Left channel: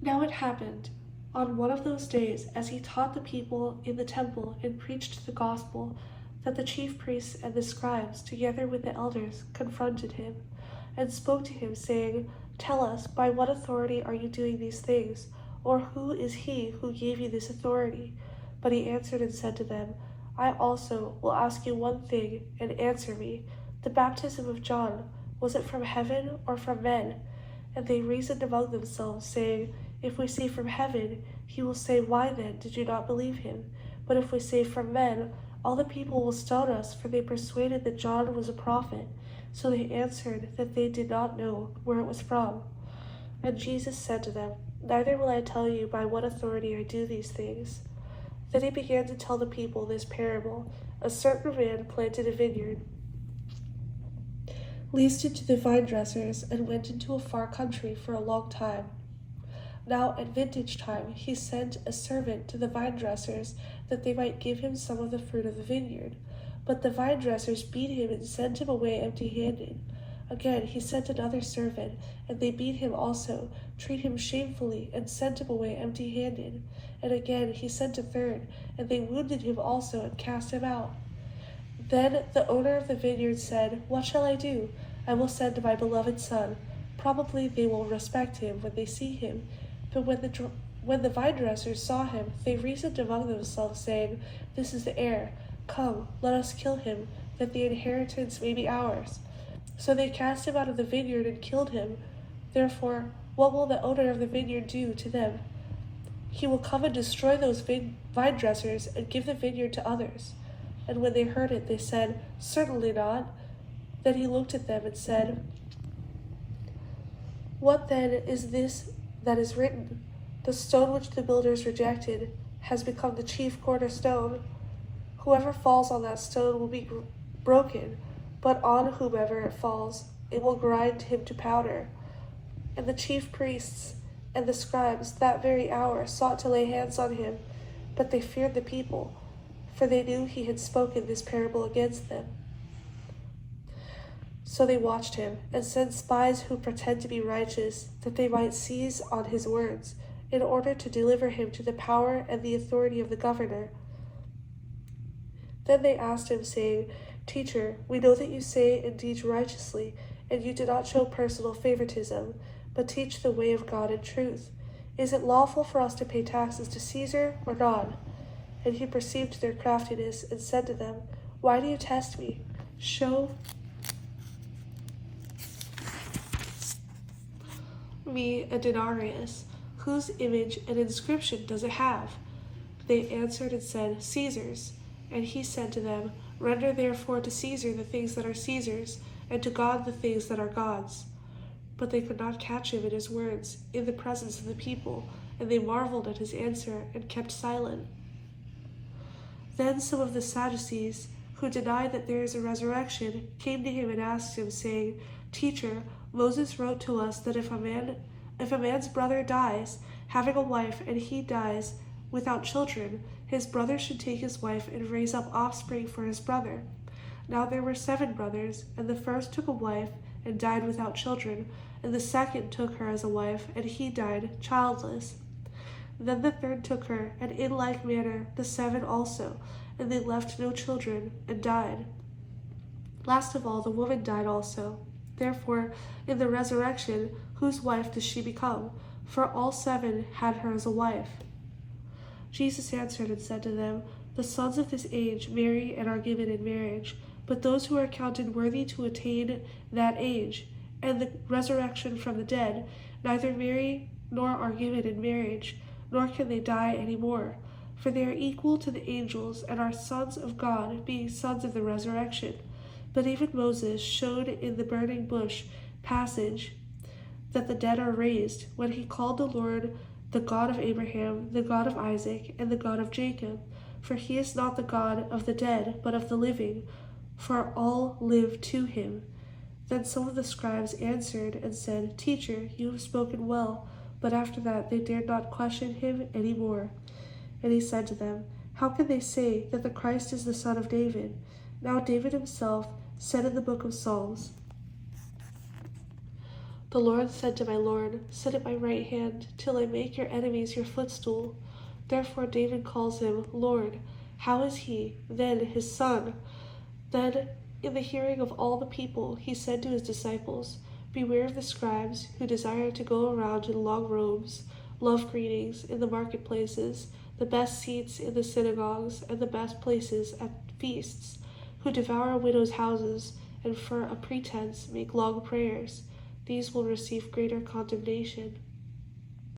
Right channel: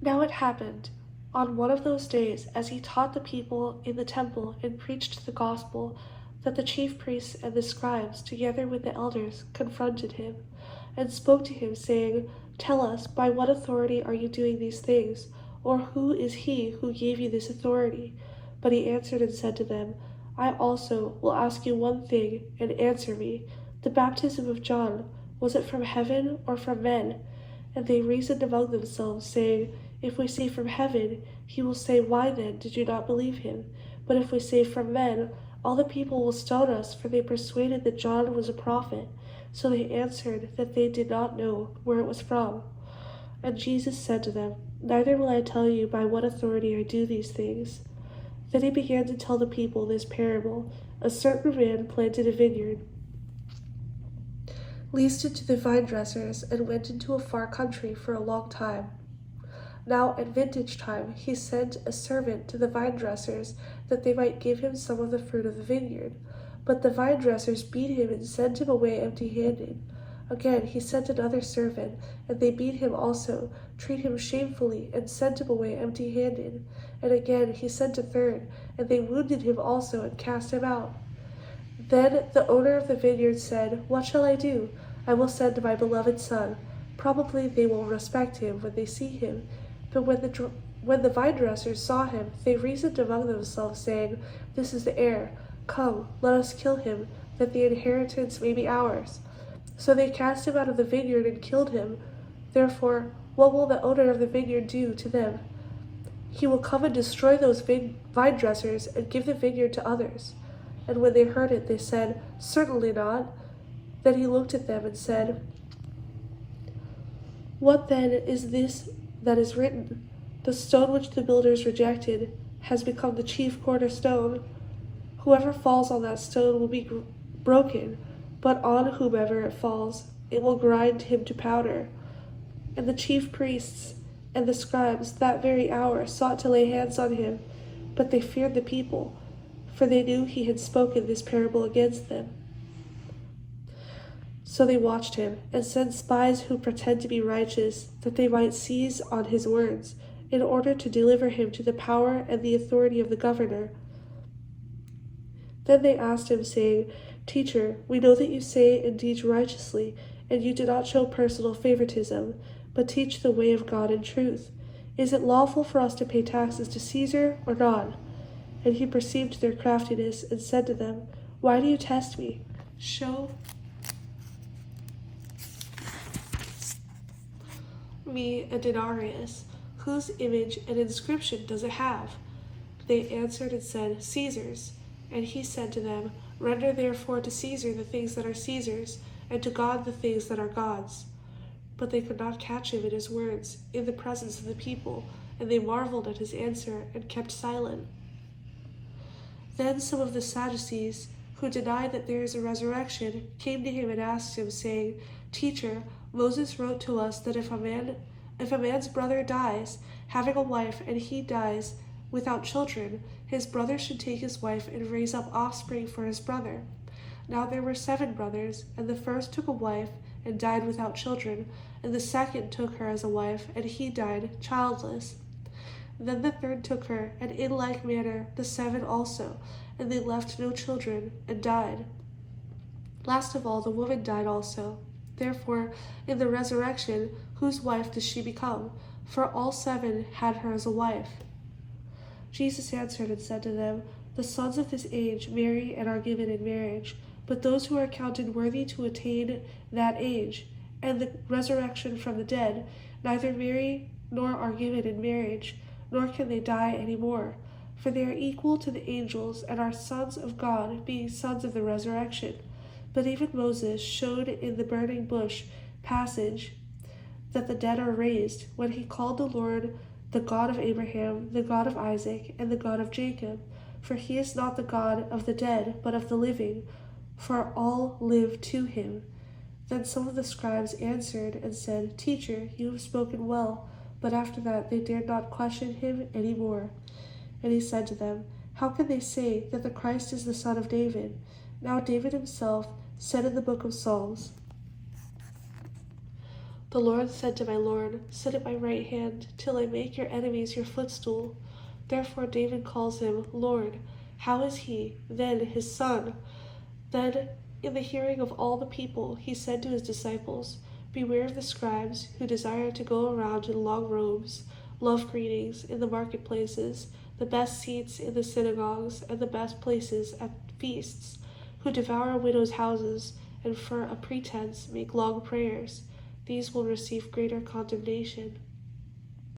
Now it happened on one of those days, as he taught the people in the temple and preached the gospel, that the chief priests and the scribes, together with the elders, confronted him, and spoke to him, saying, "Tell us, by what authority are you doing these things? Or who is he who gave you this authority?" But he answered and said to them, "I also will ask you one thing, and answer me. The baptism of John, was it from heaven or from men?" And they reasoned among themselves, saying, "If we say from heaven, he will say, Why then did you not believe him? But if we say from men, all the people will stone us, for they persuaded that John was a prophet." So they answered that they did not know where it was from. And Jesus said to them, "Neither will I tell you by what authority I do these things." Then he began to tell the people this parable. A certain man planted a vineyard, leased it to the vine dressers, and went into a far country for a long time. Now at vintage time he sent a servant to the vine dressers, that they might give him some of the fruit of the vineyard. But the vine dressers beat him and sent him away empty-handed. Again he sent another servant, and they beat him also, treat him shamefully, and sent him away empty-handed. And again he sent a third, and they wounded him also, and cast him out. Then the owner of the vineyard said, "What shall I do? I will send my beloved son. Probably they will respect him when they see him." But when the vine dressers saw him, they reasoned among themselves, saying, "This is the heir. Come, let us kill him, that the inheritance may be ours." So they cast him out of the vineyard and killed him. Therefore, what will the owner of the vineyard do to them? He will come and destroy those vine dressers and give the vineyard to others. And when they heard it, they said, "Certainly not." Then he looked at them and said, "What then is this that is written? The stone which the builders rejected has become the chief cornerstone. Whoever falls on that stone will be broken, but on whomever it falls, it will grind him to powder." And the chief priests and the scribes that very hour sought to lay hands on him, but they feared the people, for they knew he had spoken this parable against them. So they watched him, and sent spies who pretend to be righteous, that they might seize on his words, in order to deliver him to the power and the authority of the governor. Then they asked him, saying, "Teacher, we know that you say and teach righteously, and you do not show personal favoritism, but teach the way of God in truth. Is it lawful for us to pay taxes to Caesar or not?" And he perceived their craftiness, and said to them, "Why do you test me? Show me a denarius. Whose image and inscription does it have?" They answered and said, "Caesar's." And he said to them, "Render therefore to Caesar the things that are Caesar's, and to God the things that are God's." But they could not catch him in his words in the presence of the people, and they marveled at his answer, and kept silent. Then some of the Sadducees, who denied that there is a resurrection, came to him and asked him, saying, "Teacher, Moses wrote to us that if a man's brother dies, having a wife, and he dies without children, his brother should take his wife and raise up offspring for his brother. Now there were 7 brothers, and the first took a wife and died without children, and the second took her as a wife, and he died childless. Then the third took her, and in like manner the 7 also, and they left no children, and died. Last of all, the woman died also. Therefore, in the resurrection, whose wife does she become? For all 7 had her as a wife." Jesus answered and said to them, "The sons of this age marry and are given in marriage, but those who are counted worthy to attain that age and the resurrection from the dead neither marry nor are given in marriage, nor can they die any more, for they are equal to the angels and are sons of God, being sons of the resurrection. But even Moses showed in the burning bush passage that the dead are raised, when he called the Lord the God of Abraham, the God of Isaac, and the God of Jacob. For he is not the God of the dead, but of the living, for all live to him." Then some of the scribes answered and said, "Teacher, you have spoken well." But after that they dared not question him any more. And he said to them, "How can they say that the Christ is the son of David? Now David himself said in the book of Psalms, The Lord said to my Lord, sit at my right hand, till I make your enemies your footstool. Therefore David calls him Lord. How is he, then, his son? Then, in the hearing of all the people, he said to his disciples, beware of the scribes who desire to go around in long robes, love greetings in the marketplaces, the best seats in the synagogues, and the best places at feasts, who devour widows' houses, and for a pretense make long prayers. These will receive greater condemnation.